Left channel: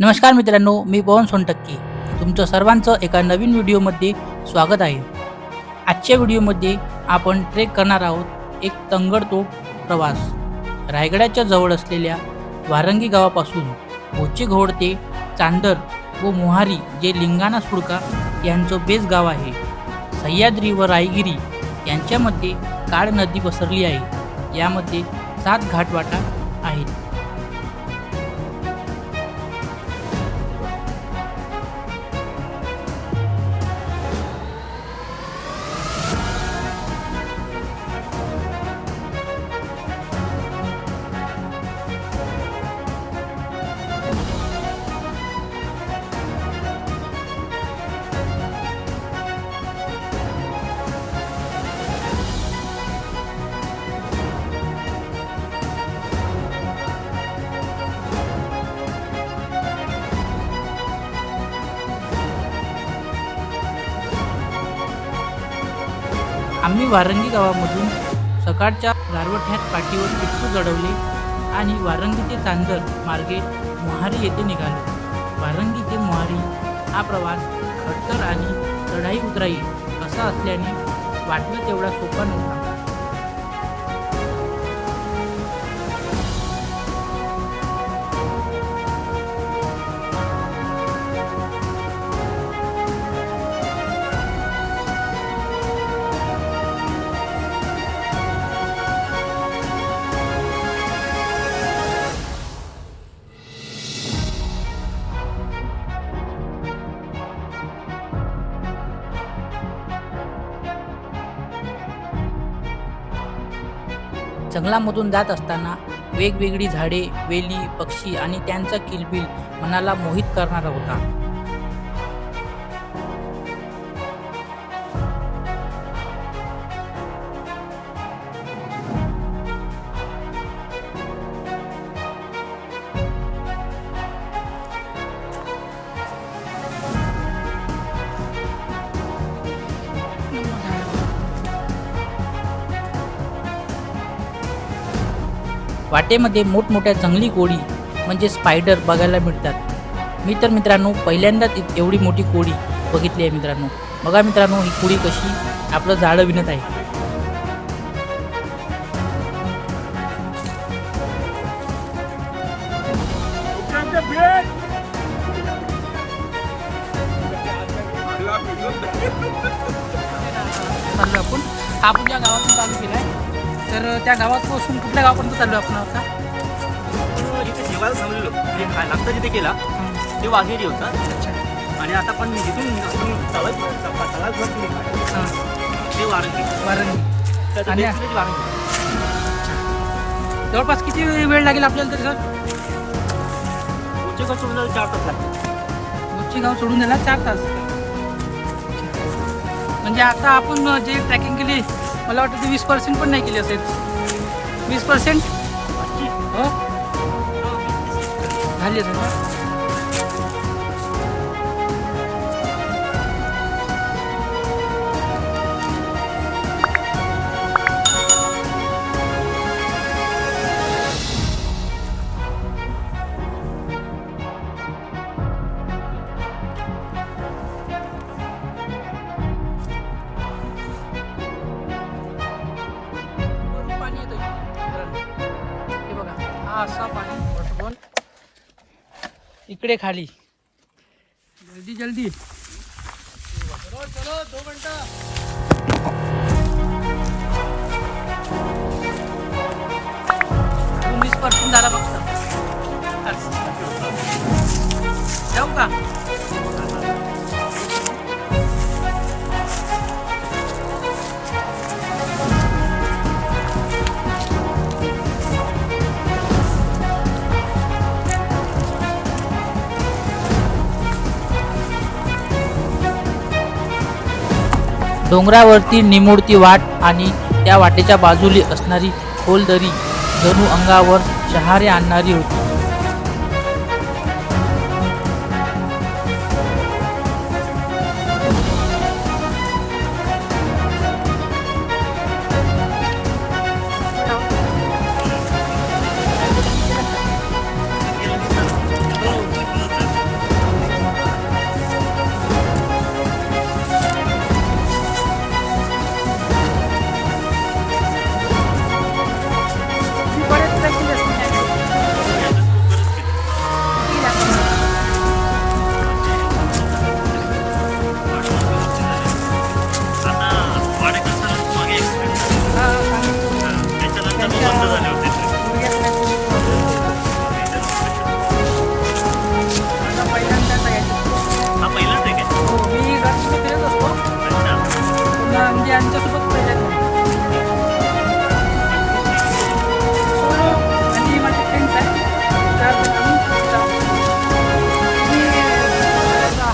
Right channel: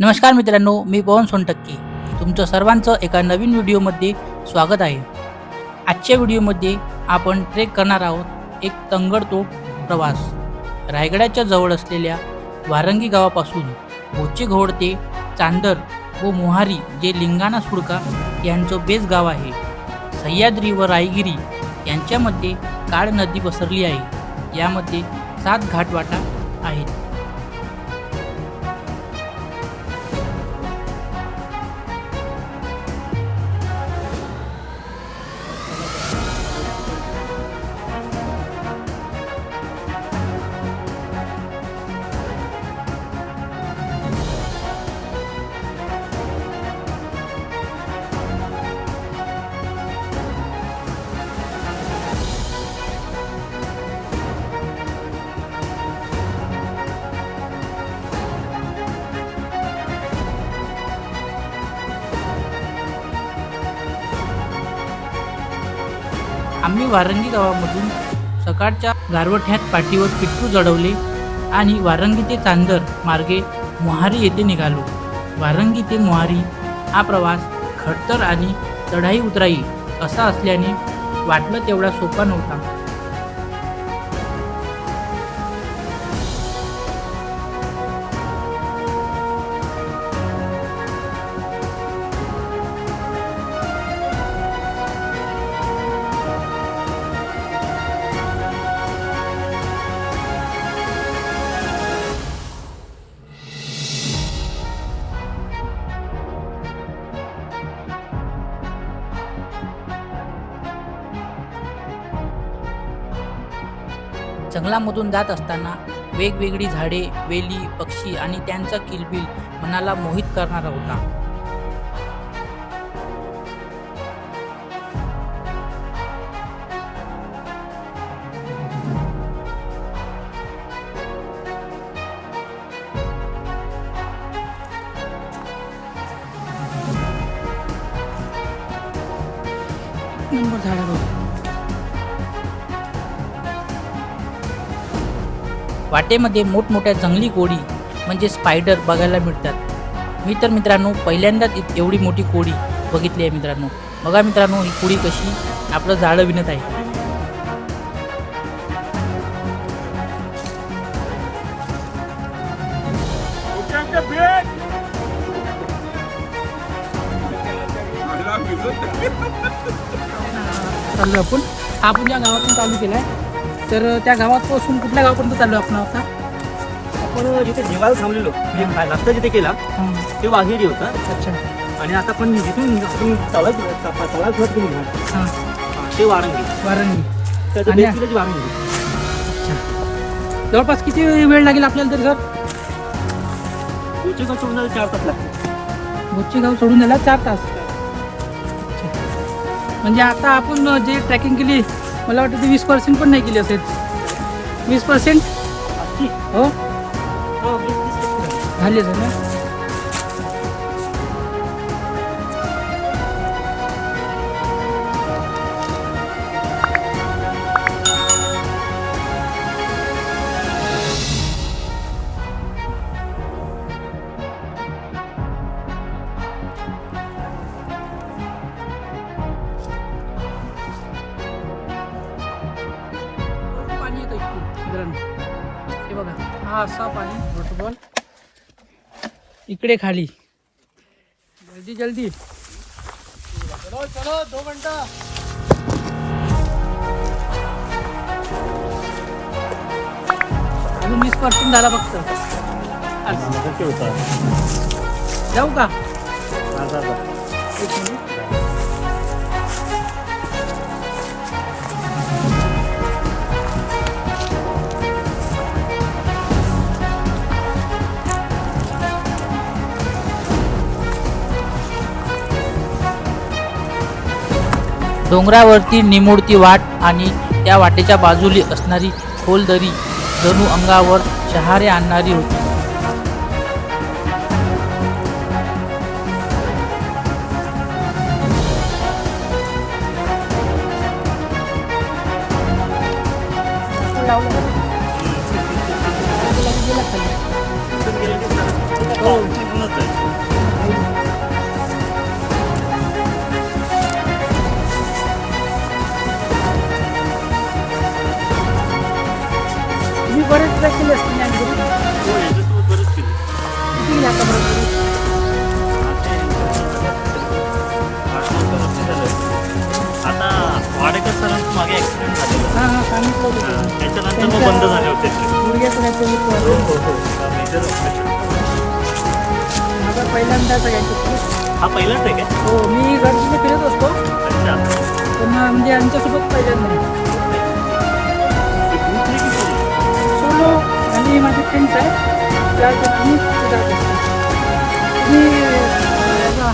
नमस्कार मित्रांनो, मी पवन सोनटक्के तुमचं सर्वांचं एका नवीन व्हिडिओमध्ये स्वागत आहे। आजच्या व्हिडिओमध्ये आपण ट्रेक करणार आहोत एक तंगडतोड प्रवास। रायगडाच्या जवळ असलेल्या वारंगी गावापासून बोचेघोड ते चांदर व मोहारी जे लिंगाणा सुळका यांचं बेस गाव आहे। सह्याद्री व रायगिरी यांच्यामध्ये काळ नदी पसरली आहे। यामध्ये 7 घाटवाटा आहेत। आम्ही वारंगी गावामधून सकाळच्या गारवठ्यात पाठीवर पिट्टू जडवले आणि वारंगी ते चांदर मार्गे मोहारी येथे निघालो। वारंगी ते मोहारी हा प्रवास खडतर आणि चढाई उतराई असा असल्याने वाटलं तेवढा सोपा नव्हता। जंगलामधून जात असताना वेगवेगळी झाडे, वेली, पक्षी आणि त्यांचा किलबिल मनाला मोहित करणारा होता। वाटेमध्ये मोठमोठ्या जंगली कोळी म्हणजे स्पायडर बघायला मिळतात। मी तर मित्रांनो पहिल्यांदाच एवढी मोठी कोळी बघितली आहे मित्रांनो। बघा मित्रांनो ही कोळी कशी आपलं जाळं विणत आहे। चाललो आपण ज्या गावातून चालू केलाय तर त्या गावापासून कुठल्या गावापर्यंत चाललो आपण आता? आपण जिथे जेवायला थांबलेलो नाश्ता जिथे केला ते वाघेरी होता। अच्छा। आणि आता पण जिथून आपण चालत सुरुवात केली घाट ते वारंगी त्याचं आणि- बेस विलेज वारंगी। जवळपास किती वेळ लागेल आपल्याला तरी सर? बोचेगाव सोडून जायला 4 तास लागतील। बोचेगाव सोडून जायला 4 तास। म्हणजे आता आपण जे ट्रॅकिंग केली मला वाटतं ते 20% पण नाही केली असेल। 20% हो झाली असेल ना? पाणी येतं इकडे हे बघा, हा असा पाणी वॉटरफॉल इकडे खाली। जल्दी जल्दी 2 घंटा 20% झाला फक्त। जाऊ का? एक मिनिट। डोंगरावरती निमुळती वाट आणि त्या वाटेच्या बाजूली असणारी खोल दरी जणू अंगावर शहारे आणणारी होती। हो हो, याच्यासोबत बरंच केलं. किती गेले आतापर्यंत? आता वाडेकर सरांचं मागे ऍक्सिडेंट झाले, हां हां सांगितलं होतं. त्याच्यानंतर मग बंद झाले होते ट्रेक. गुडघ्यात काहीतरी प्रॉब्लेम. माझा पहिल्यांदाच आहे यांच्यासोबत. हा पहिलाच आहे काय? हो, मी गर्दीने फिरत असतो अच्छा. पण म्हणजे यांच्यासोबत पहिल्यांदा नाही. सोलो आणि माझे फ्रेंड्स आहे त्या आम्ही तिथे जात असतो. तुम्ही याचा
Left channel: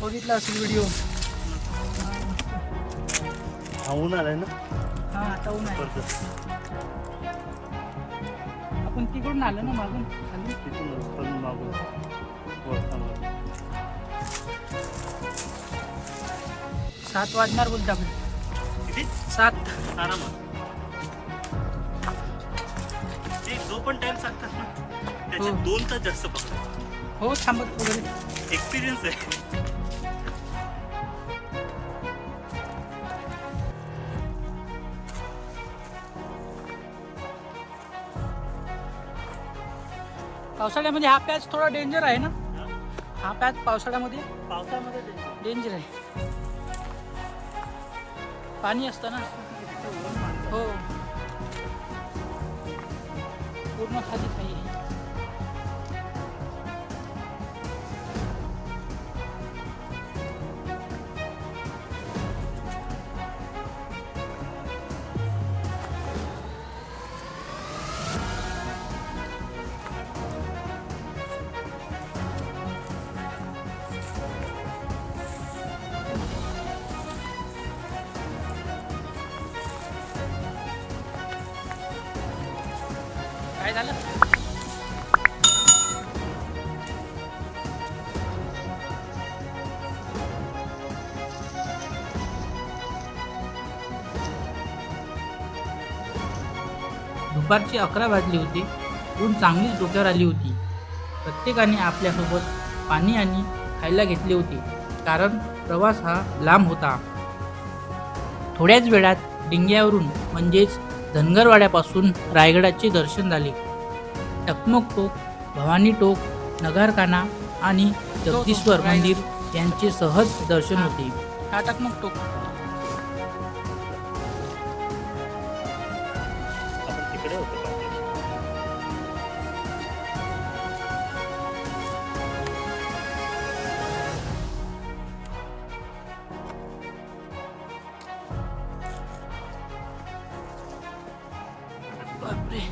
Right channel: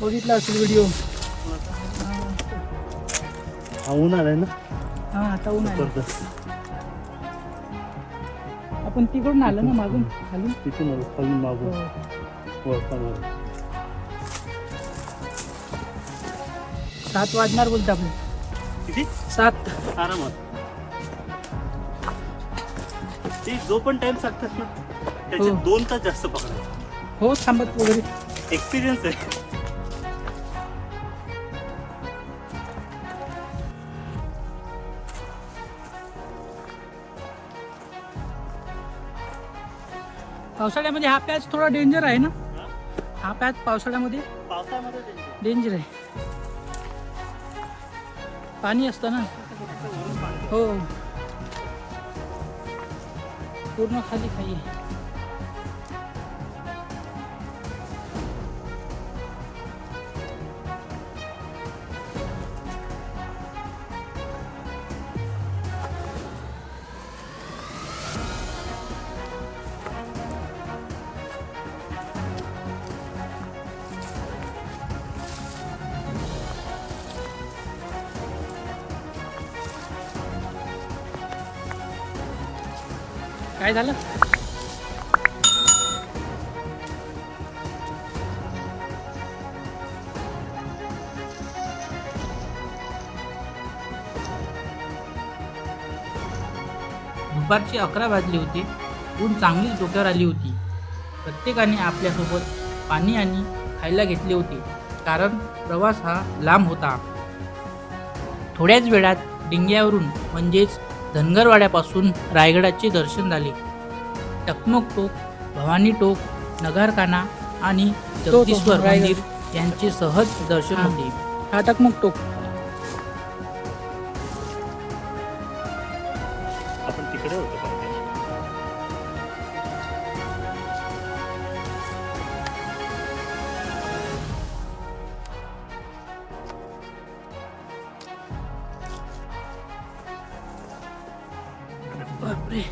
बघितला असेल व्हिडिओ. ऊन आलाय ना हां आता ऊन आहे. जबरदस्त. आपण तिकडून आलो ना मागून खालून. तिथून आलो, खालून मागून हो. वळतावर. 7 वाजणार बोलतो आपलं. किती? 7. आरामात. ते जो पण टाइम सांगतात ना त्याचे हो. 2 तास जास्त पकडायचे. हो थांबत वगैरे. एक्सपिरियन्स आहे. पावसाळ्यामध्ये हा पॅच थोडा डेंजर आहे ना. हा पॅच पावसाळ्यामध्ये पावसाळ्यामध्ये डेंजर आहे. पाणी असतं ना. हो पूर्ण खाली खाली. काय झालं? दुपारची 11 वाजली होती. ऊन चांगलीच डोक्यावर आली होती. प्रत्येकाने आपल्यासोबत पाणी आणि खायला घेतले होते, कारण प्रवास हा लांब होता. थोड्याच वेळात डिंग्यावरून म्हणजेच धनगरवाड्यापासून रायगडाचे दर्शन झाले. टकमक टोक, भवानी टोक, नगारखाना आणि जगदीश्वर रायगड. मंदिर यांचे सहज दर्शन हा. होते. हा टकमक टोक. आपण तिकडे होतो का? बापरे.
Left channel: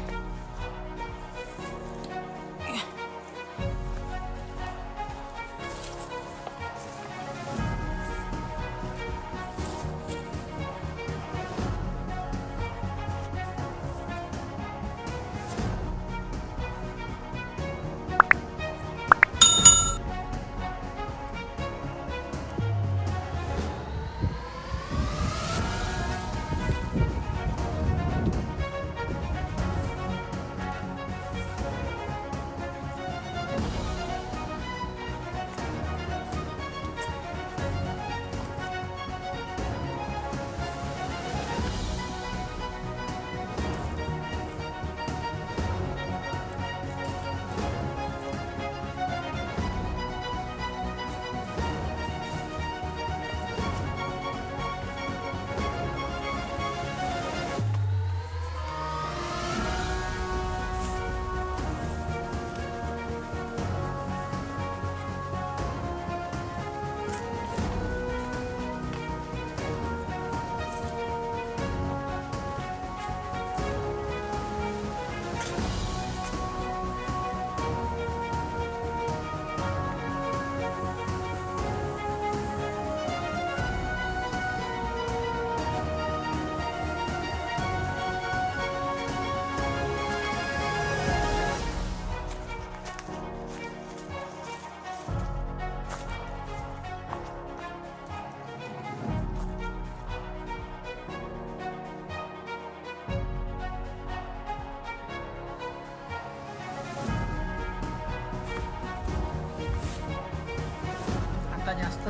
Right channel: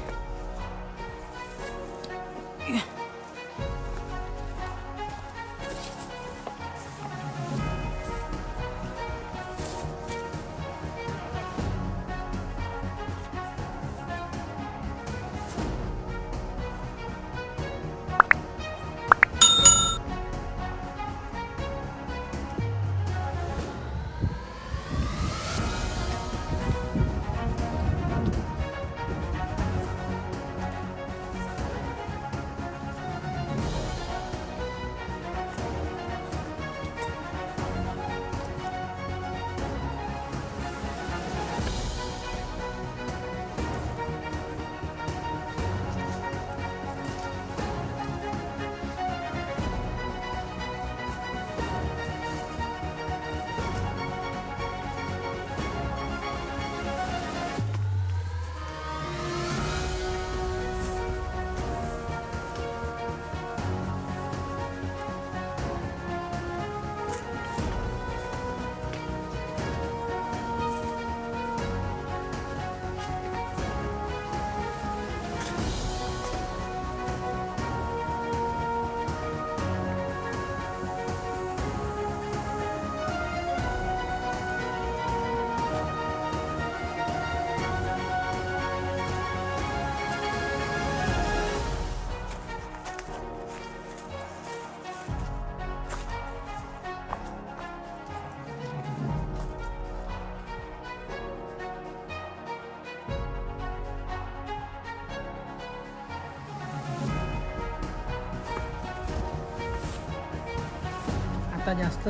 आता जास्त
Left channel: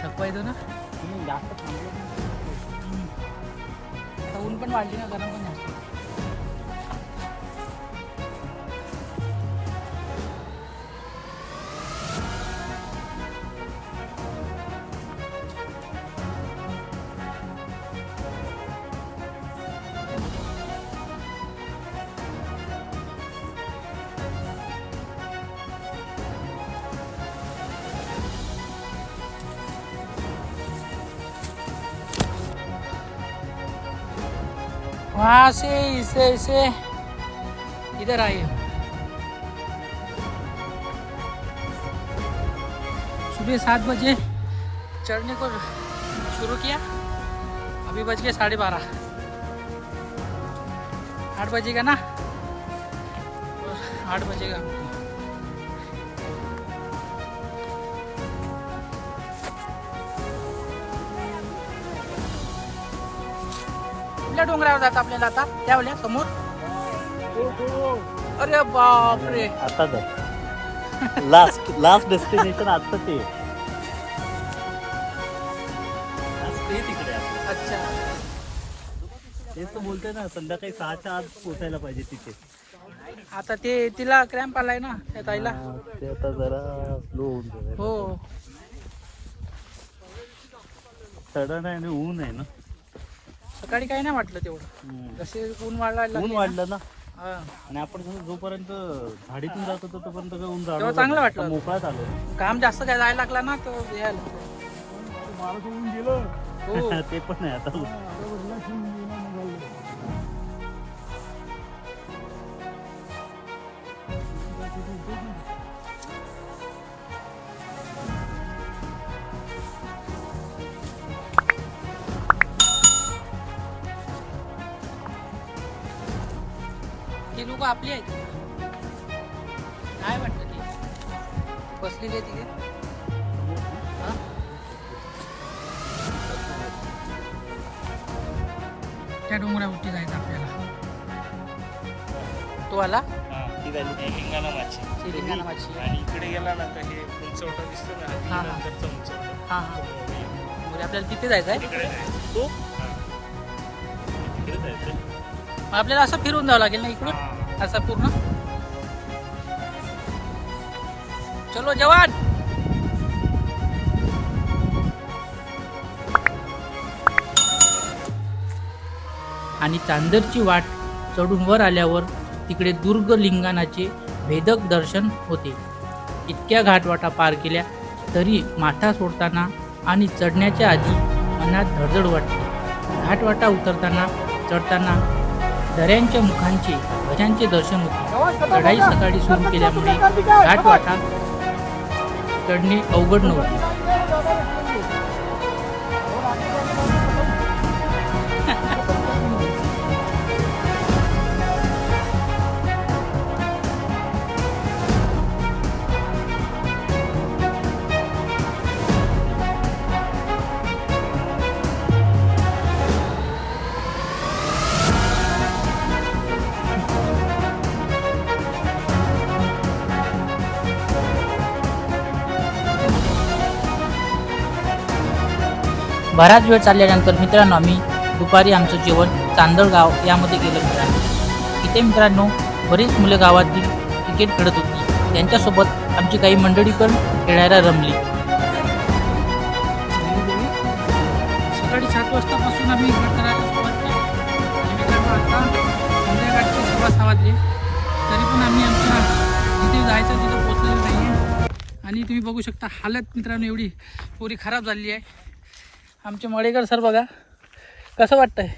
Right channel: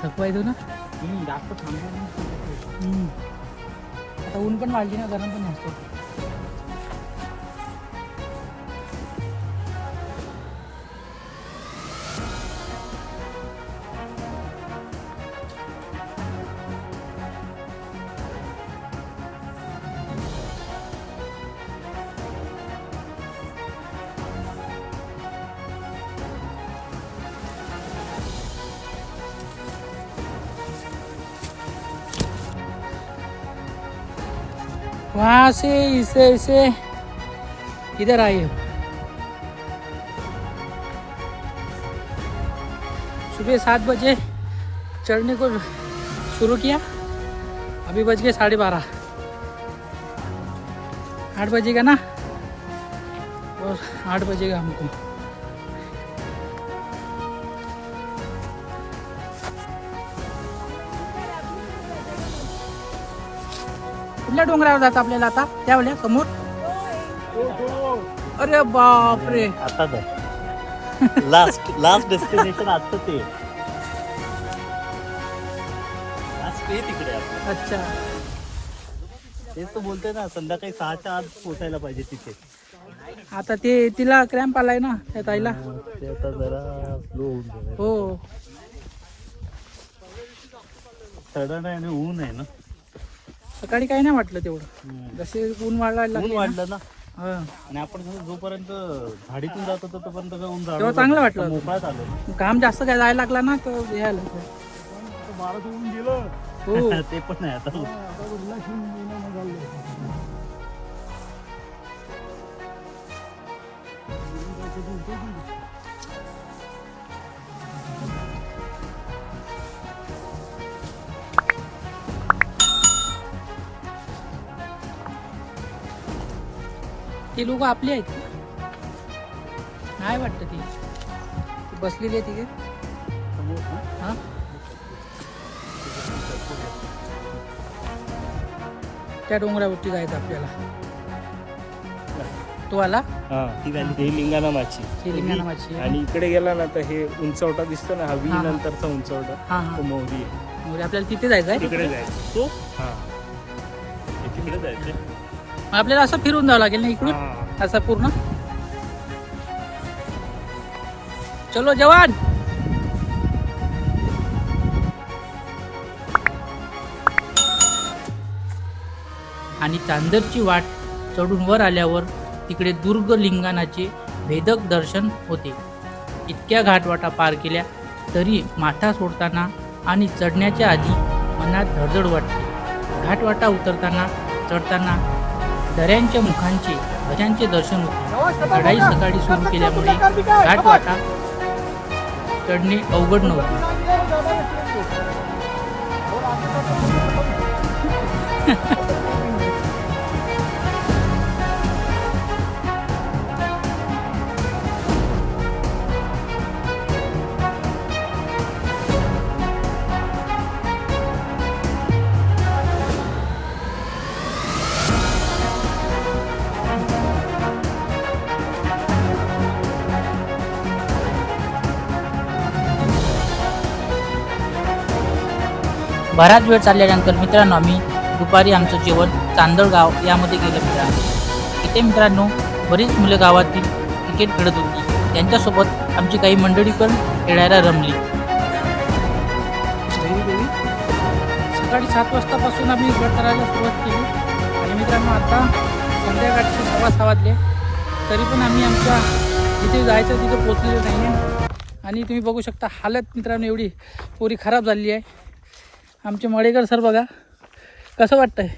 थकवा येतो ना. जास्त थंडी. हम्म. आता ऊन पण वाढली ना, गरम पण असतो. वहाँ से इसे इसे इधर आए हम। सुबह 7 बजे चढ़ने को शुरू किया, अभी बज गए 12:30। 8 बजेगा ना, और 8 बजेगा हमको। कुठल्या डोंगरावर जातं आपल्याला आता? त्या वेळेला समोर? अरे बापरे, आता लास्ट डेस्टिनेशन आता ते आज ते तिकडे आपलं. अच्छा. तेच तर बोलतोय ना, संध्याकाळी 6च्या आत पोहोचायला पाहिजे तिथे. आता ते तिला क्रॅम्प आलाय ना त्या ताईला. ते आता जरा स्लो होऊन जाईल. हो, सडन आहे आणि ऊन आहे ना. सकाळी काही नाही वाटलं तेवढं, जसे ऊन वाढायला ऊन लागले ना. वाढलं ना, हा. आणि आपण जोपर्यंत झाडीतून जात होतो तोपर्यंत काय ऊन तेव्हा चांगलं वाटलं. मोकळाच आलो. काम जास्त काय जायला लागला ना तर यायला बारा ऊन गेलं. हो. ते पण आहे आता. ते लोक आपले आहेत का? नाही वाटतं ती बसलेली आहे तिथे. हा? त्या डोंगरावरती जायचं आपल्याला. तो आला ठीक आहे. ही लिंगाणा माची शिलिंगा नावाची. आणि इकडे गेला ना तर हे उंचवटा दिसतो ना, हा हा. नंतरचा उंचवटा हा हा. तो मोठी. म्हणजे आपल्याला तिथे जायचं आहे. तिकडे जायचं. हा. आपल्याला असं फिरून जावं लागेल ना इकडून, हा. असं पूर्ण. चलो जवान. आणि चांदरची वाट चढून वर आल्यावर तिकडे दुर्ग लिंगाणाचे भेदक दर्शन होते. इतक्या घाटवाटा पार केल्या तरी माथा सोडताना आणि चढण्याच्या आधी मनात धडधड वाटते. घाटवाटा उतरताना चढताना दऱ्यांच्या मुखांचे ध्वजांचे दर्शन होते. चढाई सकाळी सुरू केल्यामुळे घाटवाटा चढणे अवघड नव्हते. बराच वेळ चालल्यानंतर मित्रांनो आम्ही दुपारी आमचं जेवण चांदळगाव यामध्ये केलं मित्रांनो. इथे मित्रांनो बरीच मुलं गावातील क्रिकेट खेळत होती. त्यांच्यासोबत आमची काही मंडळी पण खेळायला रमली. सकाळी 7 वाजतापासून आम्ही गट करायला सुरुवात केली आणि मित्रांनो आता संध्याकाळचे 6:15 वाजले तरी पण आम्ही आमच्या जिथे जायचं तिथे पोचलेलो नाही आहे. आणि तुम्ही बघू शकता हालत मित्रांनो एवढी पुरी खराब झाली आहे. आमचे मळेकर सर बघा कसं वाटतंय.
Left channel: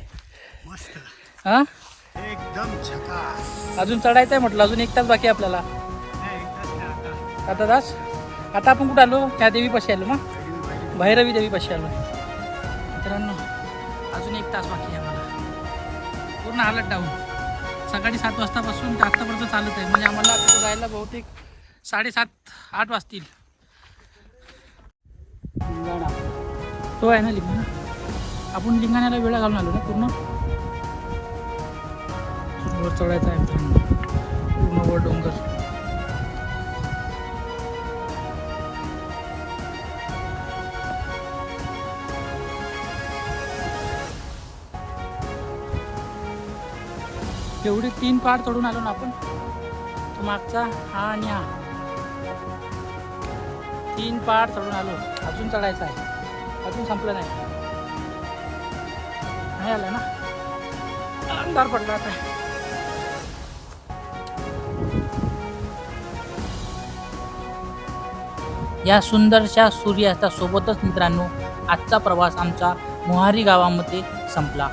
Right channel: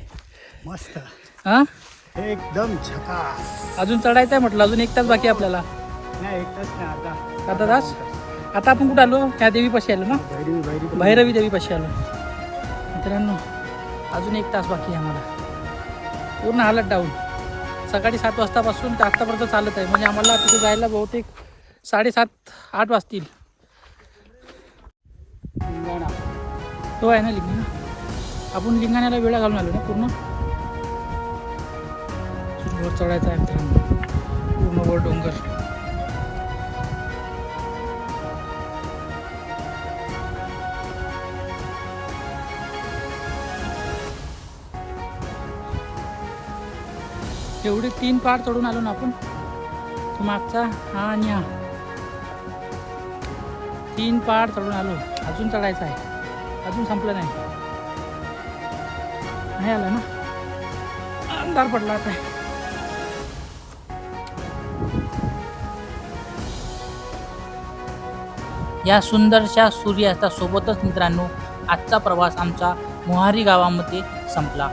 मस्त हां एकदम झकास. अजून चढायचं आहे म्हटलं, अजून 1 तास बाकी आहे आपल्याला. नाही एकच नाही आता. आता तास. आता आपण कुठं आलो, त्या देवीपाशी आलो ना, भैरवी देवीपाशी आलो मित्रांनो. अजून 1 तास बाकी आहे आम्हाला. पूर्ण हालत डाऊन. सकाळी 7 वाजतापासून ते आत्तापर्यंत चालत आहे. म्हणजे आम्हाला तिथे जायला बहुतेक 7:30-8 वाजतील. तो आहे ना लिंगाणा. आपण लिंगाण्याला वेळा घालून आलो ना पूर्ण. वर चढायचं आहे मित्रांनो, पूर्ण वर डोंगर. एवढे 3 पहाड चढून आलो ना आपण. तो मागचा हा आणि हा 3 पहाड चढून आलो. अजून चढायचं आहे, अजून संपलं नाही. नाही आलं ना, अंधार पडला आता. या सुंदरशा सूर्यास्तासोबतच मित्रांनो आजचा प्रवास आमचा मोहारी गावामध्ये संपला.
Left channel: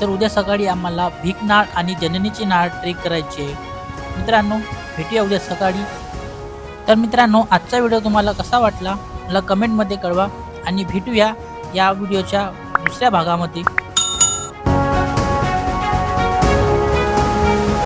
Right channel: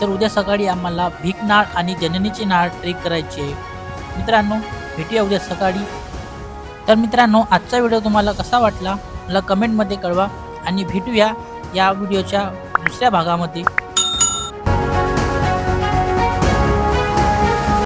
तर उद्या सकाळी आम्हाला भीकनाळ आणि जननीची नाळ ट्रेक करायची आहे. मित्रांनो, भेटूया उद्या सकाळी. तर मित्रांनो, आजचा व्हिडिओ तुम्हाला कसा वाटला मला कमेंटमध्ये कळवा आणि भेटूया या व्हिडिओच्या दुसऱ्या भागामध्ये.